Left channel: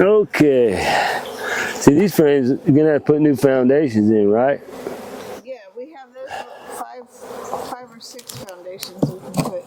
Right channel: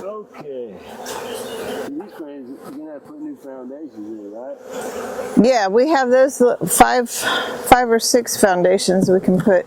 Okay. See, these frames, you're gonna have to put new foundations in, right? Yeah, we have those five or six foundations we can put.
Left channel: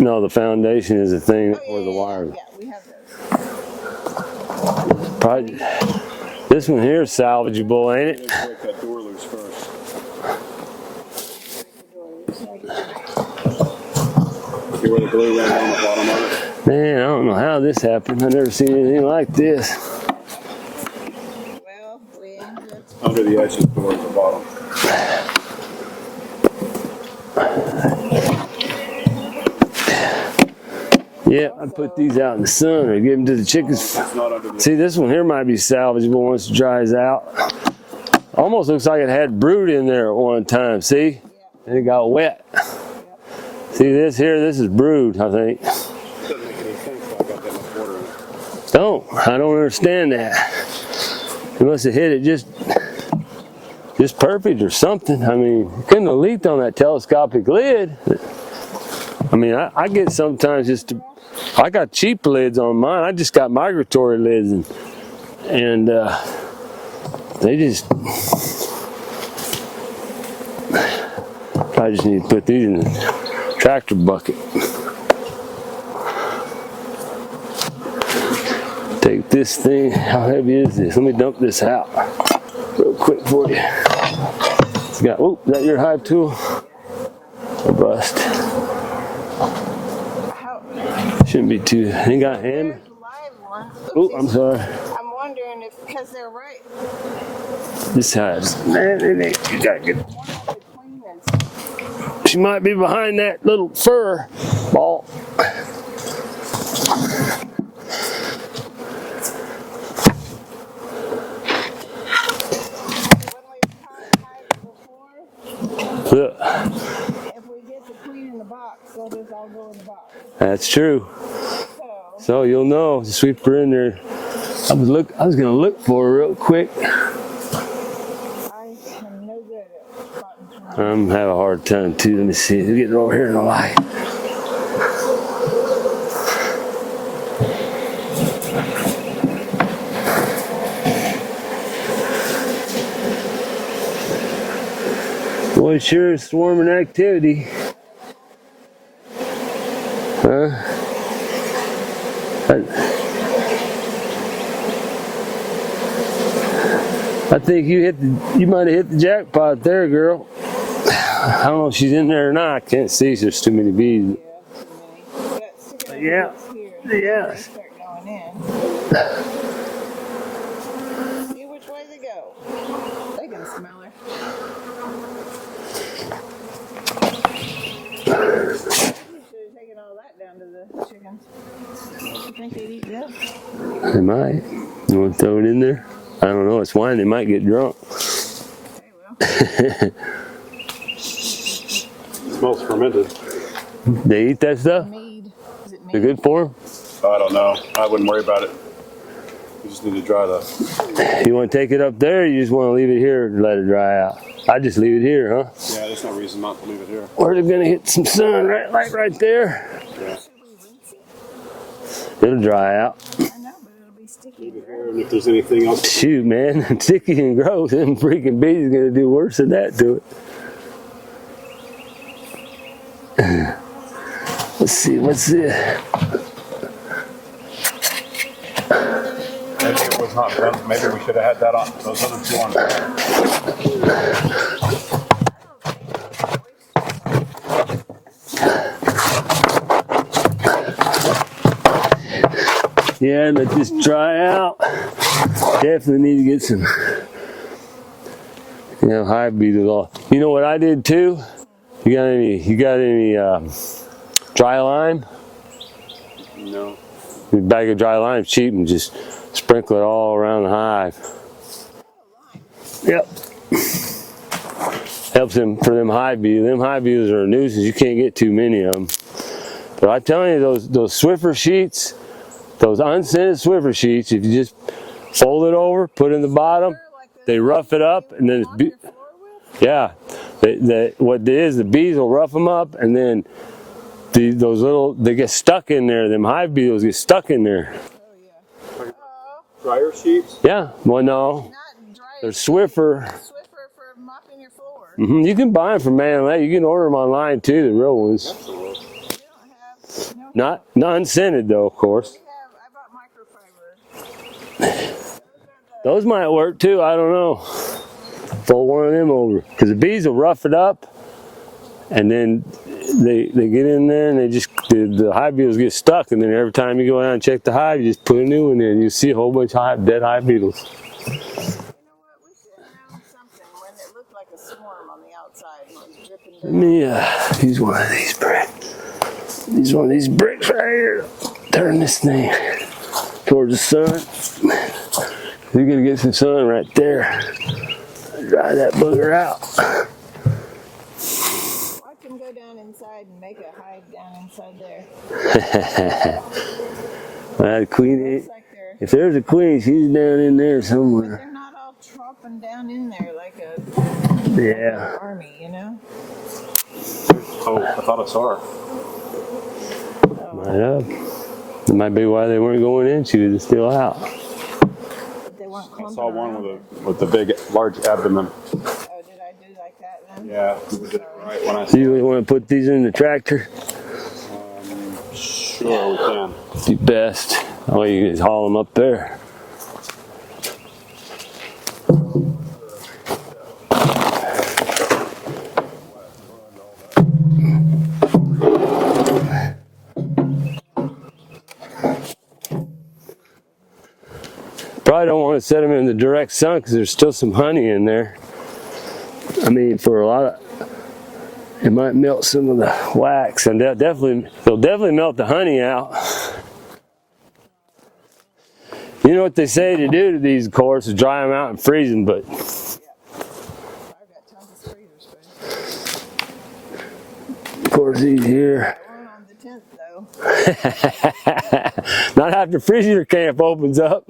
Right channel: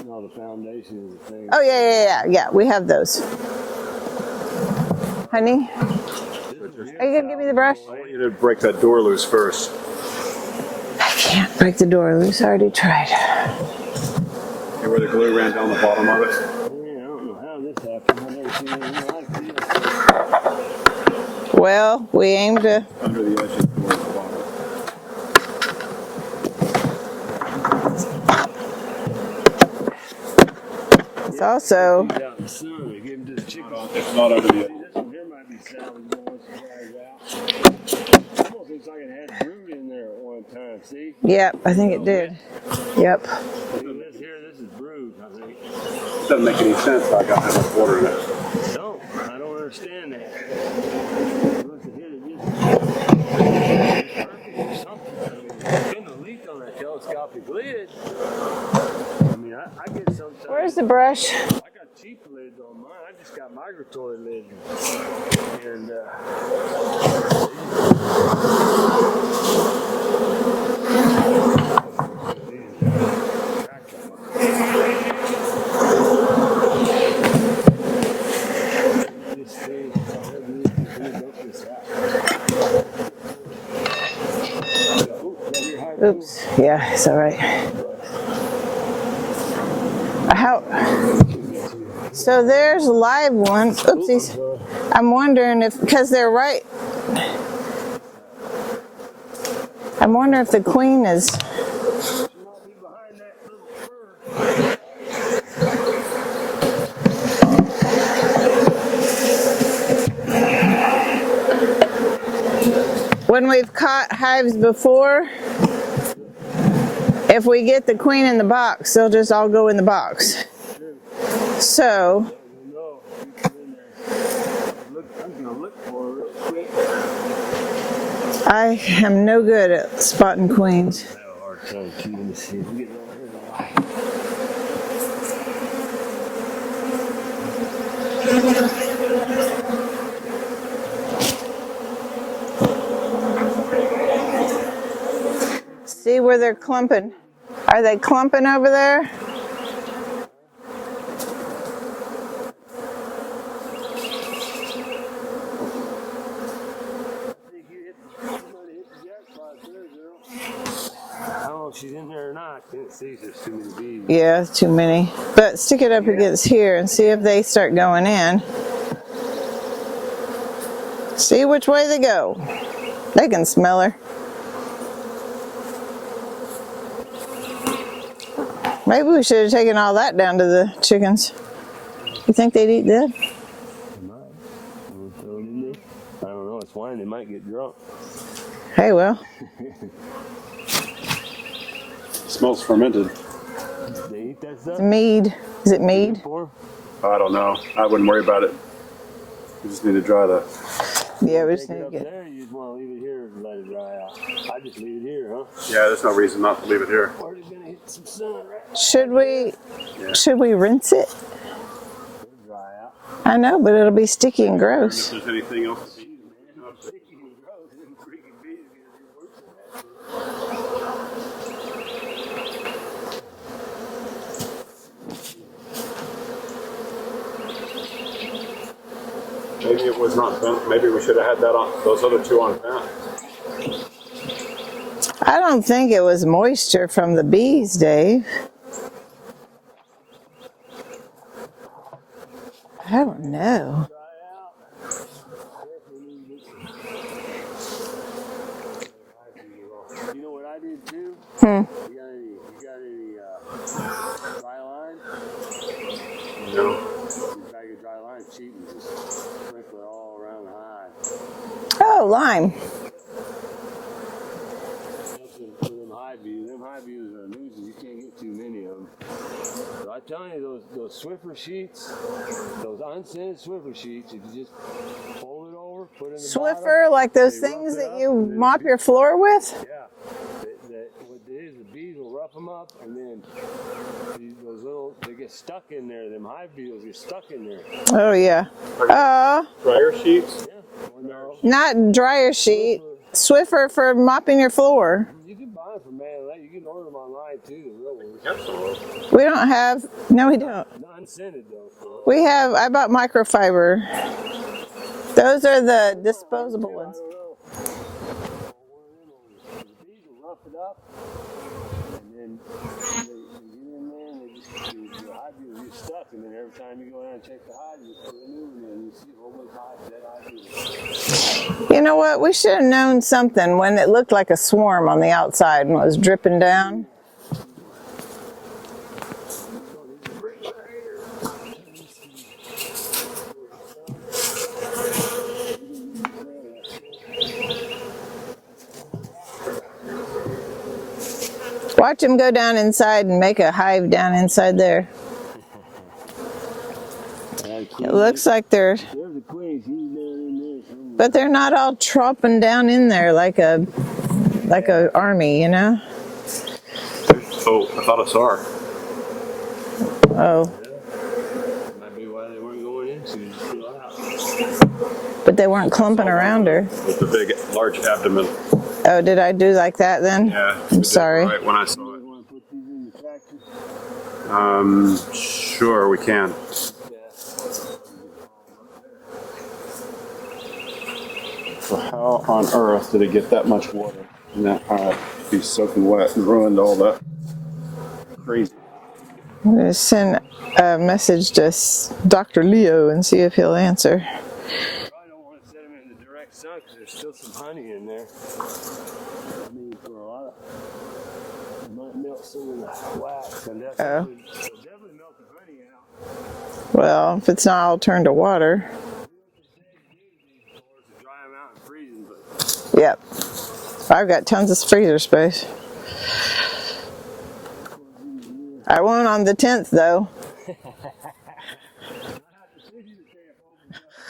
No, the foundation is a thing. Oh yeah, we have those. Probably, Honey? this one here is salvageable, ain't it? Let's break that door loose first. I can't break the door loose. I already tried. See where the glue ran down the bottom of it? Man, I don't know how this happened. I've never seen anything like this. Well, we aim to... Under the edge of the door at the bottom. Yeah, also, I put these out in the sun or give them to the chickens. Not under the See, this one here might be salvageable once it dries out. Almost looks like it had brood in there at one time, see? Yep, I think it got it did. wet. Yep. See this here? This is brood, I think. Doesn't make any sense. I got that much water in it. I don't understand that. You must have hit it just perfect or something. I mean, couldn't have leaked on that telescopic lid. I mean, I get sometimes Where's the brush? I got cheap lids on mine. I just got migratory lids, and they just. I just need to put these in the tractor bucket. Take this thing. How heavy is this? Let me dump this out real quick for you. Oh, is that your hive tool? Yeah, it's all right. Bust. How? Shouldn't be too. So there's a live one. Oopsies. Oh, I'm sorry. I'm wondering if, because they're right. This hive's. I'm wondering if the queen is. She might be behind that little fur ball. When we've caught hives before, Look. if we get the queen in the box, they'll just all go in the box. That's true. So you'll know. Sweep her in there. I was gonna look for her real quick. I am no good at spotting queens. I'm having a hard time too. Let me see. Get her over here in the light. Boy, sure is forming activity. Are they clumping over there? Huh? I think you might have hit the jackpot there, girl. I don't know if she's in there or not. I can't see. There's too many bees. Yeah, too many. But stick it up against here and see if they start going in. See which way they go. They can smell her. Maybe we should have taken all that down to the chickens. You think they'd eat that? They might. You want to throw it in there? I don't know. It's wine. They might get drunk. Hey, well. Smells fermented. They eat that stuff? Mead. Is it mead? They're good for them? I don't know. I wouldn't worry about it. We just need to dry that. You want to take it up there, or you just want to leave it here and let it dry out? I just leave it here, huh? Yeah, there's no reason not to leave it here. Or they're going to hit some sun right there. Should we rinse it? It'll dry out. I know, but it'll be sticky and gross. If there's anything else. Shoot, man. Sticky and gross. Them freaking bees are going to do worse than that to it. Let's see, what's this? Maybe it was not done. Maybe we should have had that on. Those other two on. I don't think it was moisture from the bees, Dave. Yeah, and let this dry out. Definitely need to get some, hive beetles off. You know what I did too? You got any dry lime? No. A bag of dry lime is cheap, and just sprinkle it all around the hive. Oh, lime. Yep. Helps them for them hive beetles. Them hive beetles are a nuisance. You can't get too many of them. But I'm telling you, those Swiffer sheets, those unscented Swiffer sheets, if you just fold it over, put it in the bottom. Swiffer, like those They things rough it that up, you and then mop your floor with? Yeah, what it is, the bees will rough them up, and then those little, they get stuck in there. Them hive beetles get stuck in there. Oh yeah. Dryer sheets? Yeah, well no. Not dryer sheet. Swiffer. Swiffer for mopping your floor. You can buy them from Man Lay. You can order them online too, the real ones. Absolutely. We don't have, no we don't. Not unscented though, of course. We have, I bought microfiber. Those are the Those might work too, I don't know. Fold one of them over. Because the bees will rough it up, and then they get in there and the hive beetles get stuck, and then every time you go down and check the hive, you just put a new one in. You see a whole bunch of dead hive beetles. You know what? We should have known something when it looked like a swarm on the outside and was dripping down. Yeah, use one of these bricks. Use one of these bricks right here. Turn this thing towards the sun. You're gonna get some sun right there. Dry that booger out. Watch them go down inside and make a hive down inside there. Queen, It looks like they're, if there's a queen, she's down in there somewhere. but they're not all tropping down in there like a army, you know? Oh, I thought I saw her. Oh, Yeah. That might be why they weren't going in. She was still out. but they weren't clumping around her. With the big, large abdomen. Oh, did I do like that then? Yeah. I'm sorry. Right when I Do saw you want to put these in the tractor? Sure, we can. You best. Oh, you can just haul them up there. So how on earth did it get that much? I'll be soaking wet and ruined all that. Great. I'm going to send a message to Dr. Leo and see if he'll answer. Probably don't want to set them in the direct sun because there's still some honey in there. I mean, for a lot of, it might melt some of the wax, and they'll definitely melt the honey out. Well, if it's not all turned to water. You know what they say to do to these, of course, is dry them out and freeze them, but Yep. I've got tons of freezer space. of course these here. I won't on the 10th though. Not after freezer camp opens up.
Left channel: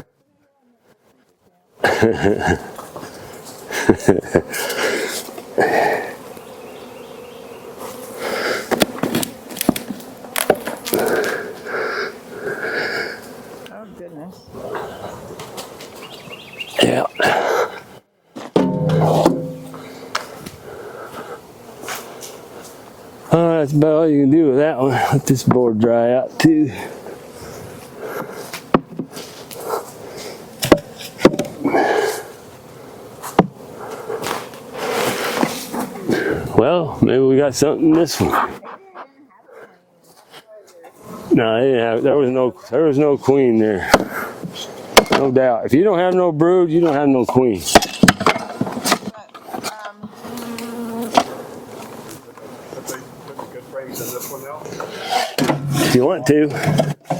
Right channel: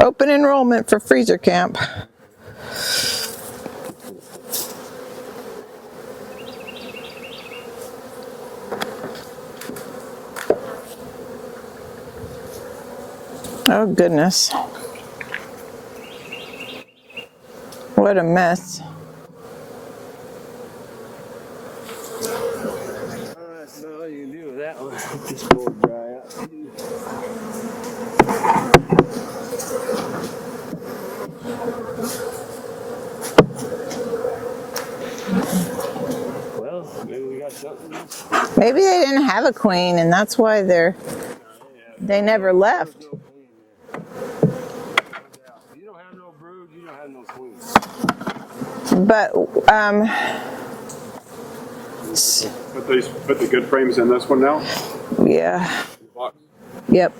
Open enrollment for freezer camp. Oh goodness. Yeah. What a mess. That's about all you can do with that one. Let this board dry out too. Well, maybe we got something in this one. Maybe they didn't have a queen and that's why they're, No, they didn't have. They never left. There was no queen there. No doubt. If you don't have no brood, you don't have no queen. but Put the good frames in this one now? yeah, If you want to. yep.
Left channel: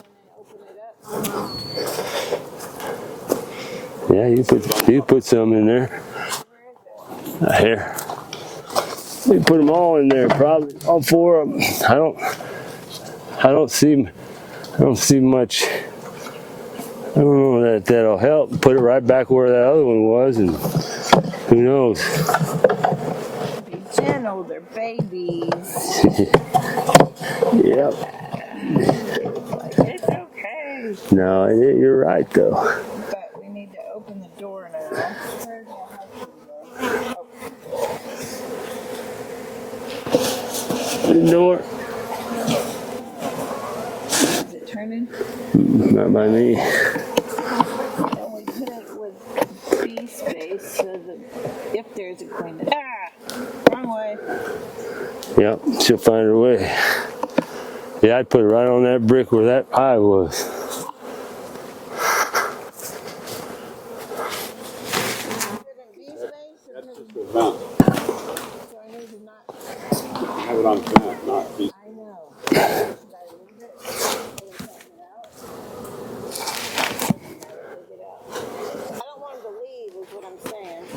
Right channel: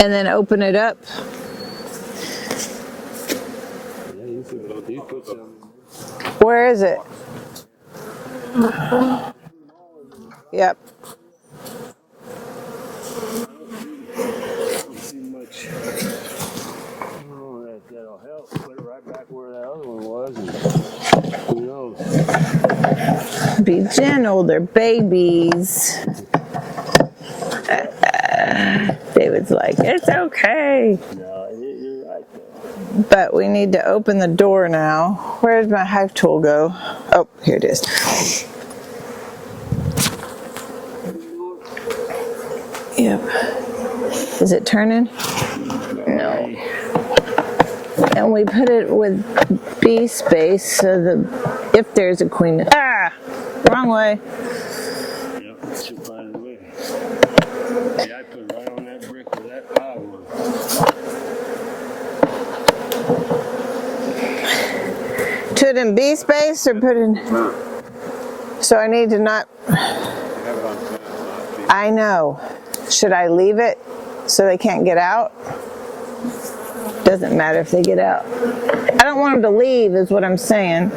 And then open it up. Yeah, you put some in there. Where is it? Here. We put them all in there, probably. Yep. All four of them. I don't see much. I don't know that'll help. Put it right back where that other one was, and who knows? Be gentle, they're babies. Yep. David's like, it's okay. No, you're right though. But we need to open the door now. Where did my hive tool go? Oh, here it is. The door. Yep. Is it turning? Not by me. And we put it with bee space so that if there's a queen, wrong way. Yep, she'll find her way. Yeah, I'd put it right on that brick where that eye was. Put it in bee space or put in? No. So I need to not, Have it on plant, not feet. I know. Should I leave it so they can't get out? Doesn't matter if they get out. I don't want them to leave is what I'm saying.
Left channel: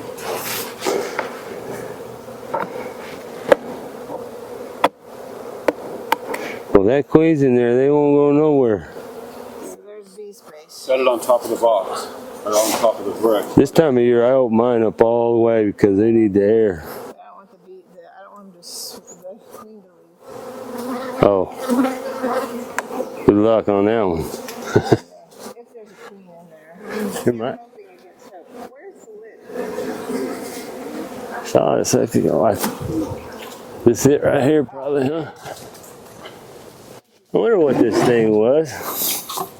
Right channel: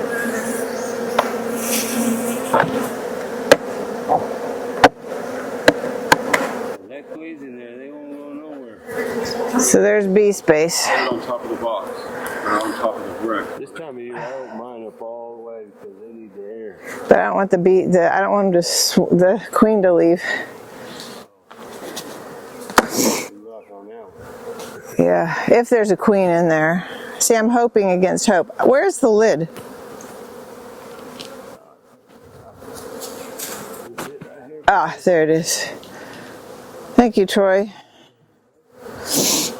Well, that queen's in there. They won't go nowhere. So there's bee space. Put it on top of the box, or on top of the brick. This time of year, I open mine up all the way because they need the air. But I don't want I don't want the queen to leave. Oh, good luck on that one. Yeah, if there's a queen in there. See, I'm hoping against hope. Where's the lid? Saw it a second ago. This is it right here. Ah, probably. there it is. Thank you, I wonder Troy. what this thing was.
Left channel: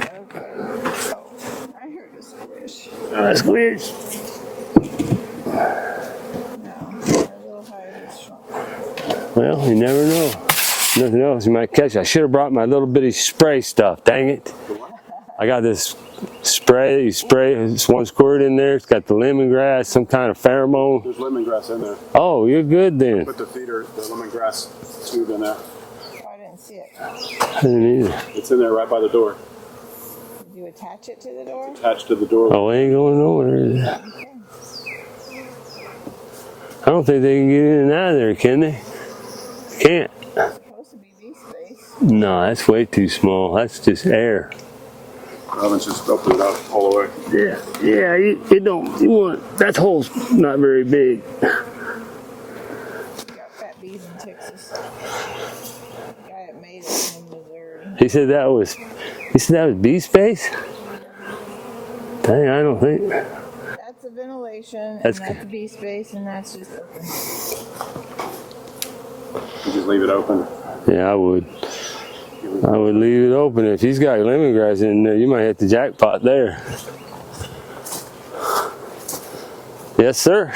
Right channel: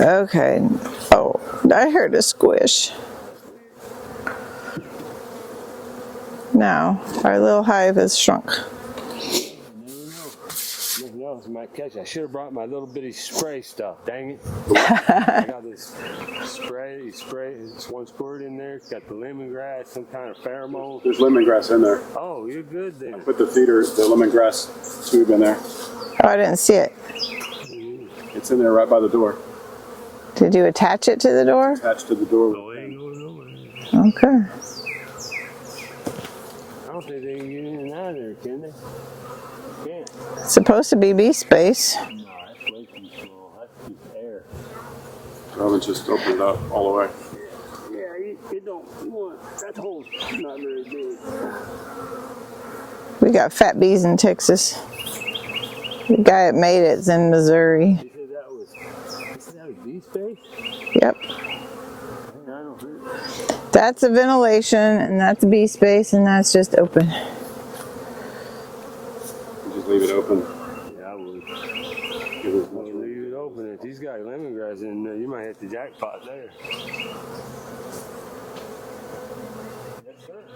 Okay. Oh, I heard a squish. That's weird. Now, our little hive has shrunk. Well, you never know. Nothing else you might catch. I should have brought my little bitty spray stuff. Dang it! I got this spray. You spray. It's one squirt in there. It's got the lemongrass, some kind of pheromone. There's lemongrass in there. Oh, you're good then. Put the lemongrass tube in there. Oh, I didn't see it. I didn't either. It's in there right by the door. Did you attach it to the door? Attached to the door. Oh, it ain't going nowhere. Is it? Okay. I don't think they can get in and out of there, can they? Can't. It's supposed to be bee space. No, that's way too small. That's just air. Well, let's just open it up all the way. Yeah. You don't. You want that hole's not very big. We got fat bees in Texas. The guy that made it's in Missouri. He said that was. He said that was bee space. Yep. Dang, I don't think. That's a ventilation, and that's bee space, and that's just open. You just leave it open. Yeah, I would. I would leave it open. If he's got lemongrass in there, you might hit the jackpot there. Yes, sir.